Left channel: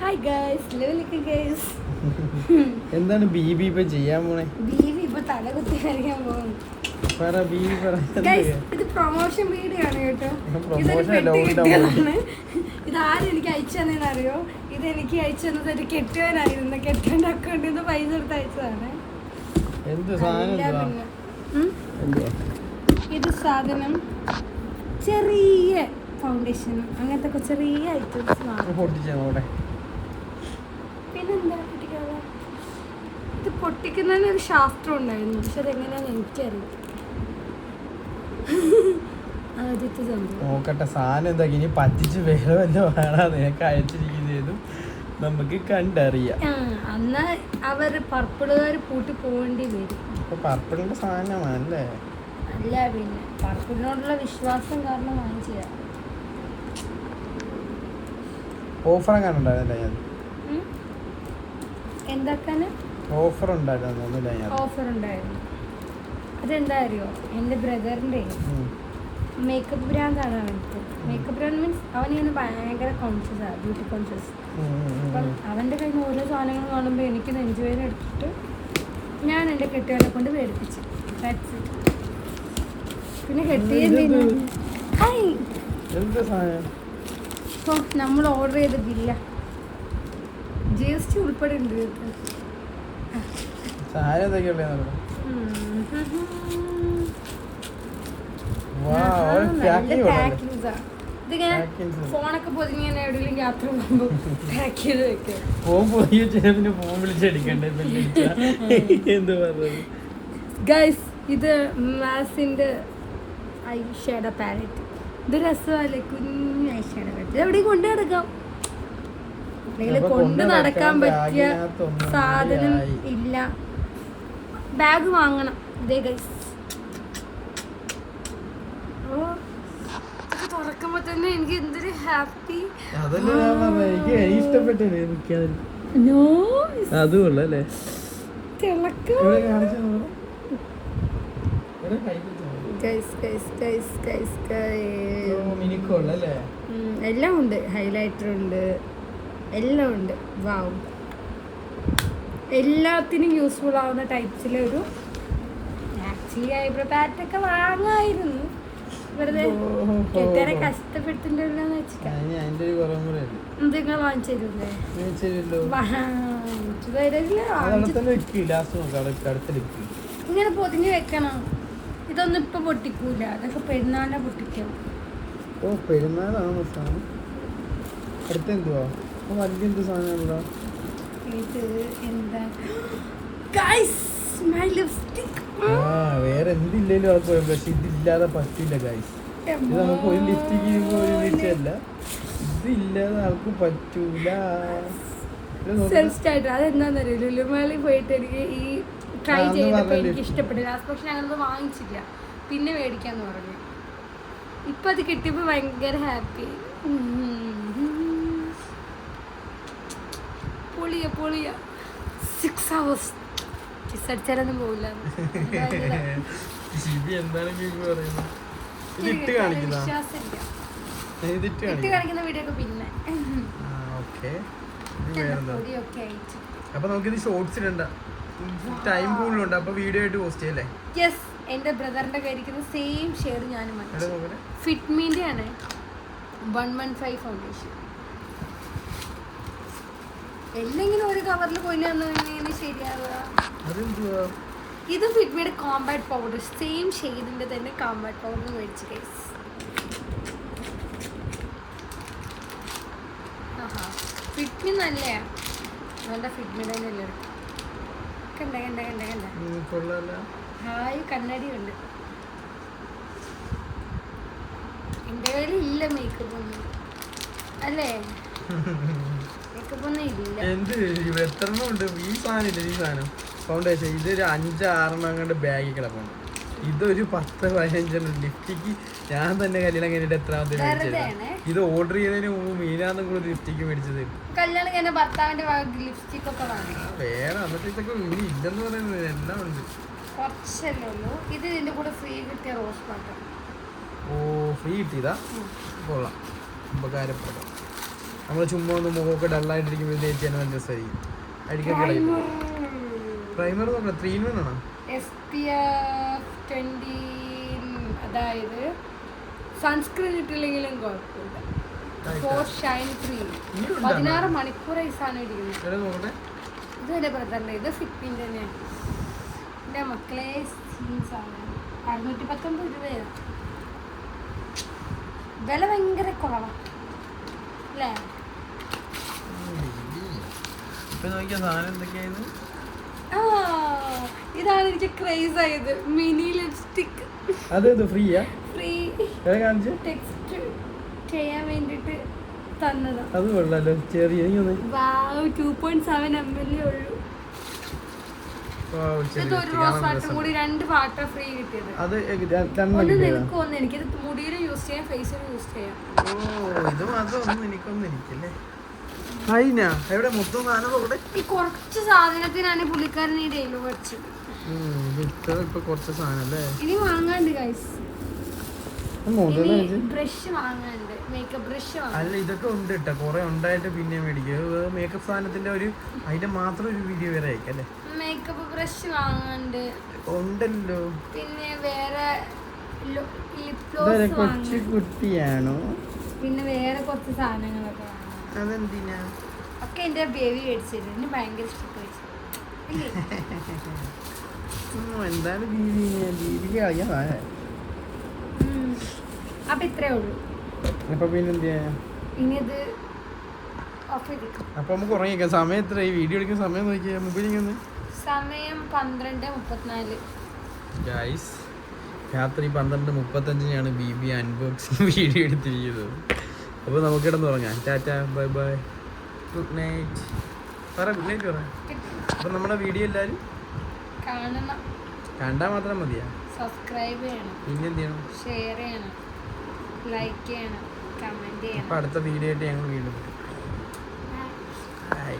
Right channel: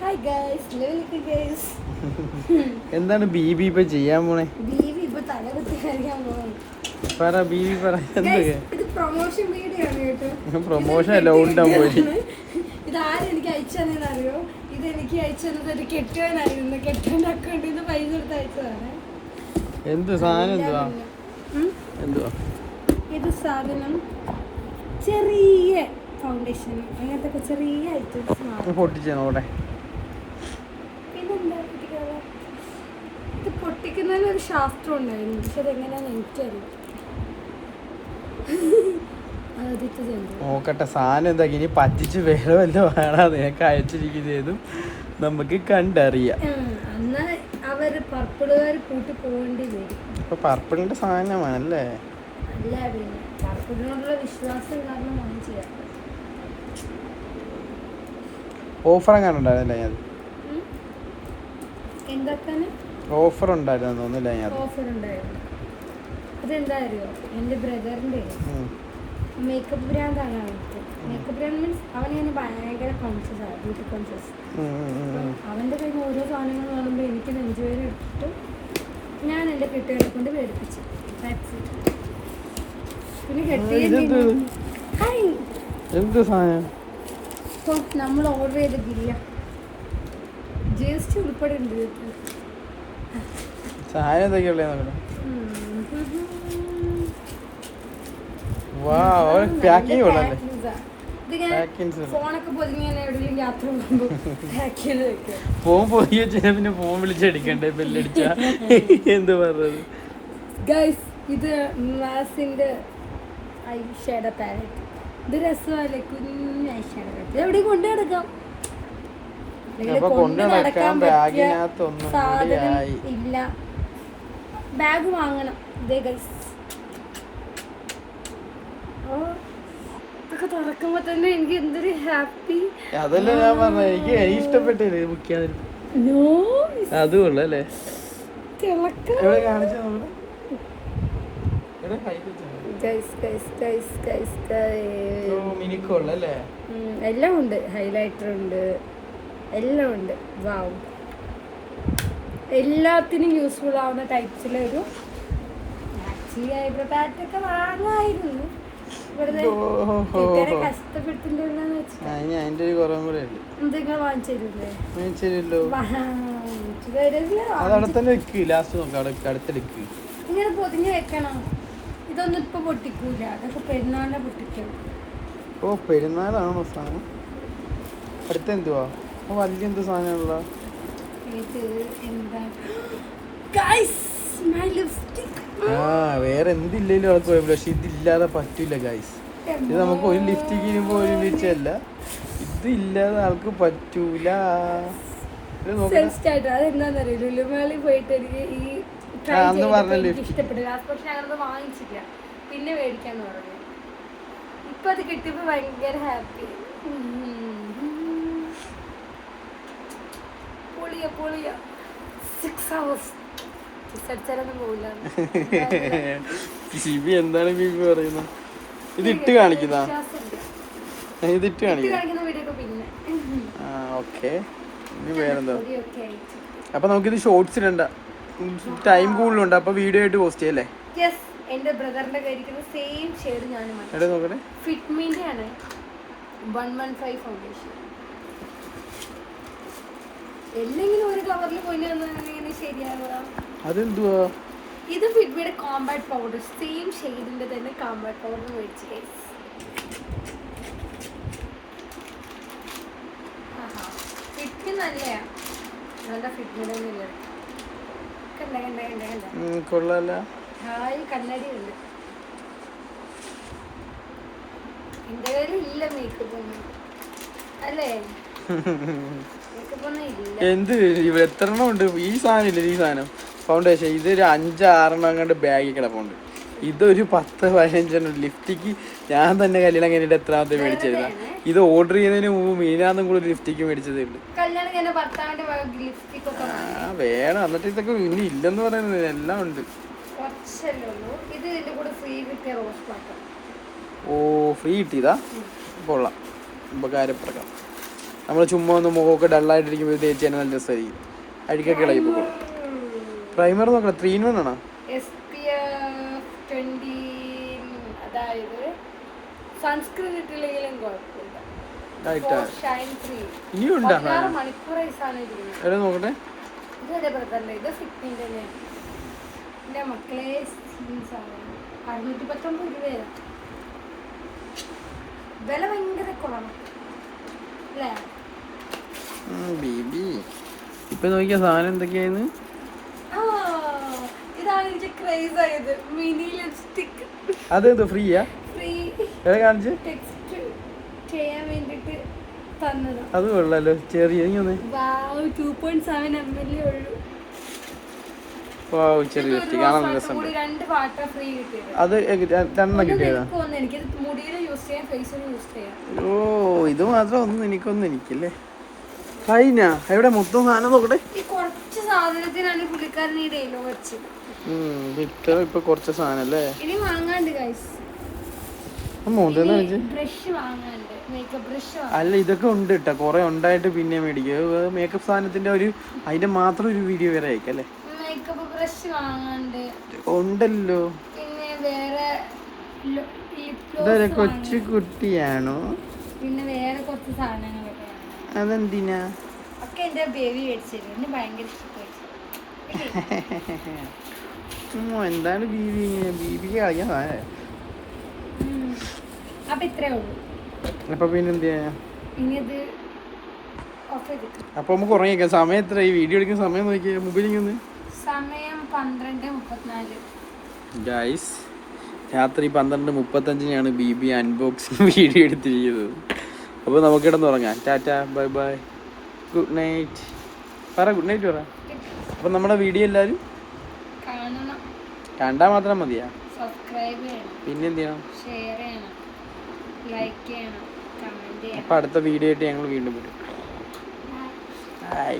Hi guys, ലെവലിക്ക് guys. എന്താണ് ബീബി ഇപ്പൊ ചെയ്യാൻ പോണേ? ബീവി ഇപ്പൊ തലകുത്തി അറിയാൻ പോകുന്നു. പറ ബീബി പറ. ഇത് പ്രൊമോഷൻ വീഡിയോ ആണ് കേട്ടോ. ഇത് ആരും എനിക്ക് അയച്ചു തന്നേന്ന് അറിയോ? ഇത് എനിക്ക് അയച്ചു തന്നത് ഒരു കെട്ടിയവനായിരുന്നു. കെട്ടിയവന്റെ അക്കൗണ്ടിൽ നിന്ന് പൈസ എടുത്ത് അയച്ചതാണ്. ഇത് സാധനം ചെറിയ ഫൗണ്ടേഷൻ അങ്ങനത്തെ ചെറിയ ഐറ്റംസ്. പിന്നെന്താ പൊട്ടിക്കാതെ? ഇത് പൊട്ടിക്കുന്നതിന് ഒരു ശാസ്ത്രം ഉണ്ടായിരുന്നു, പക്ഷെ അതെങ്ങനെയാന്ന് എനിക്കറിയാം. നോക്കട്ടെ സാധനം എന്താ ഇനി പറ്റിച്ച് വേറെ വല്ല വേണം നിനക്ക് അയച്ചിരിക്കുന്നതും നമുക്ക് കണ്ടറിയാം. അന്ന് അവര് പർപ്പിളുകാർ കൂട്ടി പോകേണ്ടി വരും. ഇപ്പൊ പർപ്പിളിന്റെ സാധനമാണല്ലേ? അല്ല, പിന്നെ പർപ്പിളിനോടുള്ള വിശ്വാസം കാരണം വാങ്ങിച്ചതാ. ഓഫർ അങ്ങനെ ഉണ്ടാവില്ല ഞാൻ എന്തൊക്കെയാണ് ഓഫർ ഉണ്ടായിരുന്നില്ല ഞാൻ ഓഫർ ഉണ്ടായിരുന്നു. അതെന്താ അറിയോ? എൻ്റെ ബ്രദറിൻ്റെ മേക്കപ്പ് ബ്രാൻഡാണ് അവർക്ക്. മേക്കപ്പ് ബ്രാൻഡ് മീൻസ് അവനിങ്ങനെ ഭയങ്കര കോൺഷ്യസാണ്, ബ്യൂട്ടി കോൺഷ്യസ്. അപ്പം അവൻ്റെ കയ്യിൽ നിന്ന് ഓരോ സാധനങ്ങൾ കാണുമ്പോൾ എനിക്ക് നെഞ്ചുവേദന എടുത്തിട്ട് ഞാൻ എൻ്റെ കെട്ടിയവനെ കൊണ്ട് മേടിപ്പിച്ചു. പിന്നെ കെട്ടിയതിൻ്റെ ഇപ്പം നമ്മൾ ഓർഡർ ചെയ്ത ബില്ല GST ഉൾപ്പെടെ ഉണ്ട്. ഫോണൊക്കെ പൊതിഞ്ഞ് എവിടെയെങ്കിലും യാത്ര പോകുമ്പോൾ പാക്ക് ചെയ്ത് വെക്കും. ഗൈസ്, ഇത് മാസിന്റെ ഐ ഷേഡോ പാലറ്റ്. ഇത് രസമല്ലേ? കുഞ്ഞ് ഐ ഷേഡോ പാലറ്റ്. എവിടെയും കൊണ്ടു നടക്കാം, അല്ലെങ്കിൽ കൊണ്ട് നടക്കാൻ പറ്റിയ സാധനം ഇല്ല. ബാഗ് വാങ്ങണം. ഇതേ ഗൈസ്, അതൊക്കെ തുറക്കുമ്പോ തന്നെ എനിക്ക് എന്തൊരു ഹാപ്പി. എല്ലാം ഉണ്ട്, ഹൈലൈറ്റർ ഉണ്ട്, എല്ലാം ഉണ്ട്. വാവ്, എല്ലാത്തിനും യൂസ്ഫുൾ ആവുന്ന ടൈപ്സിലൊരു ആക്ച്വലി ഐബ്രോ പാറ്റൊക്കെ വാങ്ങായിരുന്നു. വെറുതെ കെട്ടിയാരെ കഷ്ടപ്പെടുത്തിണ്ടെന്ന് വെച്ചിട്ട് എന്തെങ്കിലും വാങ്ങിച്ചു തരൂല്ലേ? ഇങ്ങനെ പൊതിഞ്ഞ് വെക്കണം. ഇതൊന്നും ഇപ്പൊ പൊട്ടിക്കൂല, അതൊക്കെ പെരുന്നാളിനെ പൊട്ടിക്കണം. ഓ, പെരുന്നാളാണോ സാധനം? അടുത്തെന്തുവാ വലിയ എന്ത് സാധനമുള്ള? വേറെ എന്തില്ലല്ലോ പക്ഷെ ഇതില്ലാതെ പറ്റില്ല ഗൈസ്. ഇത് നമുക്ക് ഒരു ലിഫ്റ്റിക്ക് ചെയ്യുമ്പോൾ ഒരു വീഴ്ചയല്ല, ഇത് ഇല്ലാതെ ആൾക്ക് പറ്റൂല. അതെന്താന്നറിയോ? ലുലുമാളിൽ പോയിട്ട് എനിക്ക് ഈ ട്രൈ ചെയ്തപ്പോൾ എനിക്ക് ഇഷ്ടപ്പെട്ടില്ല. പക്ഷെ ഞങ്ങളത് വാങ്ങിച്ചില്ല, പിന്നെ മേടിക്കാന്ന് പറഞ്ഞു. ഇപ്പൊ അത് കിട്ടിയപ്പോ ഭയങ്കര ഹാപ്പി. പൊളിയ 6 hours കിസ്സടിച്ചാലൊന്നും പോവില്ല. ഇതിട്ട് കാണിക്കുന്ന വീഡിയോ പിന്നെ അപ്പൊ നമുക്കിത് ഷോർട്സ് ഇടണ്ട, ടൈം കൂടുതലുണ്ട്. അപ്പൊ വീഡിയോ ആയിട്ട് പോസ്റ്റ് ചെയ്യല്ലേ? യെസ്, എന്റെ ബ്രദറിന്റെ കയ്യിരിക്കുന്ന സെയിം ഷെയ്ഡ് ഞാനും ഫിറ്റ്മിന്റെ ആണ് 115 ഫൗണ്ടേഷൻ. എല്ലെങ്കിലും ഒരു കവറിൽ പോയില്ല ശരിയാവുക. ഇത് ഫിറ്റ്മിയുടെ കോമ്പാക്ട് പൗഡർ, സെയിം ഷെയ്ഡിന്റെ തന്നെ കോമ്പാക്ട് പൗഡർ മേടിച്ചു ഗൈസ്. ഫിറ്റ്മി നല്ലയാ, നല്ല ഫിറ്റ്മിയുടെ കണ്ട ഹായ് കണ്ണടി ഉണ്ട്. എന്റെ കയ്യിൽ ഇല്ല മേക്കപ്പ് ഒന്നും, അല്ലേ? മേക്കപ്പ് ഒന്നും ഇല്ല. എന്ത് എത്ര എണ്ണം ഉണ്ട്? ഈ സാധനം ഇല്ല, ഈ സാധനം ഫൗണ്ടേഷൻ ഇതൊരു 5-6 എണ്ണം കണ്ട് ബാഗിൽ കിടപ്പുണ്ട്. ഇതൊരു 10-15 ലിഫ്റ്റിക്ക് ഞാൻ തന്നെ കല്യാണം കഴിഞ്ഞിട്ട് എത്രാമത്തെ മേടിച്ചിരുന്ന. ഇത് ഓർഡർ ചെയ്തതിന് മുമ്പ് മീനാന്നും കൂടെ ലിഫ്റ്റിക്ക് മേടിച്ചത് വേണം. എന്നിട്ട് ഇതൊക്കെ ഇനി ഇല്ലെന്ന് പറയുന്നത് എല്ലാം ഉണ്ട്. ഓ, ഫ്രീ കിട്ടിയതാ? കൊള്ളാം, ഉപകാരപ്പെടാം. നമ്മൾ ചുമ്മാ ഒന്ന് മുഖമൊക്കെ ഡള്ളായിട്ടിരിക്കുമ്പോൾ തേച്ച് തന്നെ നല്ല രസമായിരിക്കും. അഴുക്കൊക്കെ ഇളകി പോകും. പ്രൈമർ നോക്കണം 3-in-1 ആണോ? SPF 20, അതായത് സൺസ്ക്രീൻ ഇട്ടില്ലെങ്കിലും കുഴപ്പമില്ല. ഷൈൻ ഫ്രീ. 16 മണിക്കൂറായി സാധനം ഇരിക്കുന്നത്. നോക്കട്ടെ. ഇത് എൻ്റെ ബ്രദറിൻ്റെ, ഇത് ഫിറ്റിൻ്റെ തന്നെയാണ്. എൻ്റെ മക്കളെ സാധനം 619 രൂപയാണ്. വില ഭയങ്കര കുറവാണ് അല്ലേ? ഇപ്പൊ നോക്കിയ സാധനം എന്തൊക്കെയായിരുന്നു? ഇതാണ് എനിക്ക് ക്രേസ് ആയത്. Mini lipstick. അതെന്ത് ഫ്രീയാ? ഫ്രീ കാണിച്ച് ടെക്സ്റ്റ് ചെയ്യാൻ വേണ്ടിട്ട് തന്നതാ. അത് കൊള്ളാലോ. ചെറിയ 2.7 ml ഉള്ളൂ. രണ്ട് പാട്ട ഫ്രീ കിട്ടിയത്. അത് എനിക്കിത് മുടിയിൽ യൂസ് ചെയ്യാം, ഫേസിൽ യൂസ് ചെയ്യാം. ഓ ഇത് മാത്രം ഒന്നും എനിക്കൊന്നും എനിക്കല്ലേ. കഴിഞ്ഞാ എവിടെ മൊത്തം സാധനം നോക്കട്ടെ. ഈ കുറച്ച് സാധനത്തിനാണ് പുള്ളിക്കാരൻ ഈ ഡയലോഗ് വെച്ചത്. ഇപ്പൊ കുറച്ച് സാധനം അല്ലേ ഇനി വാങ്ങാണ്ട് ഗൈസ്. ബ്രഷ് വാങ്ങാണ്ട്, മേക്കപ്പ് ബ്രഷ്. അല്ല ഇതൊക്കെ ഉണ്ട് കേട്ടോ, കുറെ ഉണ്ടായിട്ട് പിന്നെ മേടിക്കും. മേക്കപ്പ് സാധനത്തിന്റെ അതിന്റെ മാത്രം ഒരു വീഡിയോ വേറെ അയക്കല്ലേ. മേക്കപ്പ് ബ്രഷ് വാങ്ങാണ്ട് ഉണ്ടല്ലോ. പിന്നെ വേറെ കൊച്ചു കുട്ടിയാണോ? പിന്നെ വേറെ കുറച്ച് സാധനങ്ങളൊക്കെ. അതെന്തിനാ? ഒക്കെ എന്റെ ബേബി മേടിച്ചത്. എന്നെ ഭയങ്കര ഇഷ്ടപ്പെട്ടു. എന്താണ് ബീബിക്ക് കളിക്കാൻ. അപ്പൊ ഇത്രേ ഉള്ളൂ. അപ്പൊ പിന്നെ എന്ത് ചെയ്യാ? ഇനിയത് അപ്പൊ നമുക്ക് ഉറങ്ങിക്കാം. സമയം എത്ര? ഈ വീഡിയോ എടുക്കുന്ന സമയം നോക്കിയാ മൊബൈലിൽ സമയം 12:34. ഗൈസ് രാത്രി 12:35 ബീബി അൺബോക്സിങ് വീഡിയോ എടുത്തിരിക്കുന്നത്. അപ്പോൾ നമുക്ക് കിടന്നുറങ്ങാം. ടാറ്റാ, ബൈ ബൈ, ഗുഡ് നൈറ്റ്. പറ ഗുഡ് നൈറ്റ് പറ. അപ്പം നമ്മുടെ വീഡിയോ എല്ലാവരും കാണണം. കണ്ടാൽ മാത്രം മതിയാ? സബ്സ്ക്രൈബ് ചെയ്യണം. പിന്നെ എന്ത് ചെയ്യണം? ഷെയർ ചെയ്യണം, ലൈക്ക് ചെയ്യണം, കമന്റ് ചെയ്യണം. അപ്പോൾ അടുത്ത വീഡിയോ ആയിട്ട് ഞങ്ങൾ വീണ്ടും വരും. ബൈ.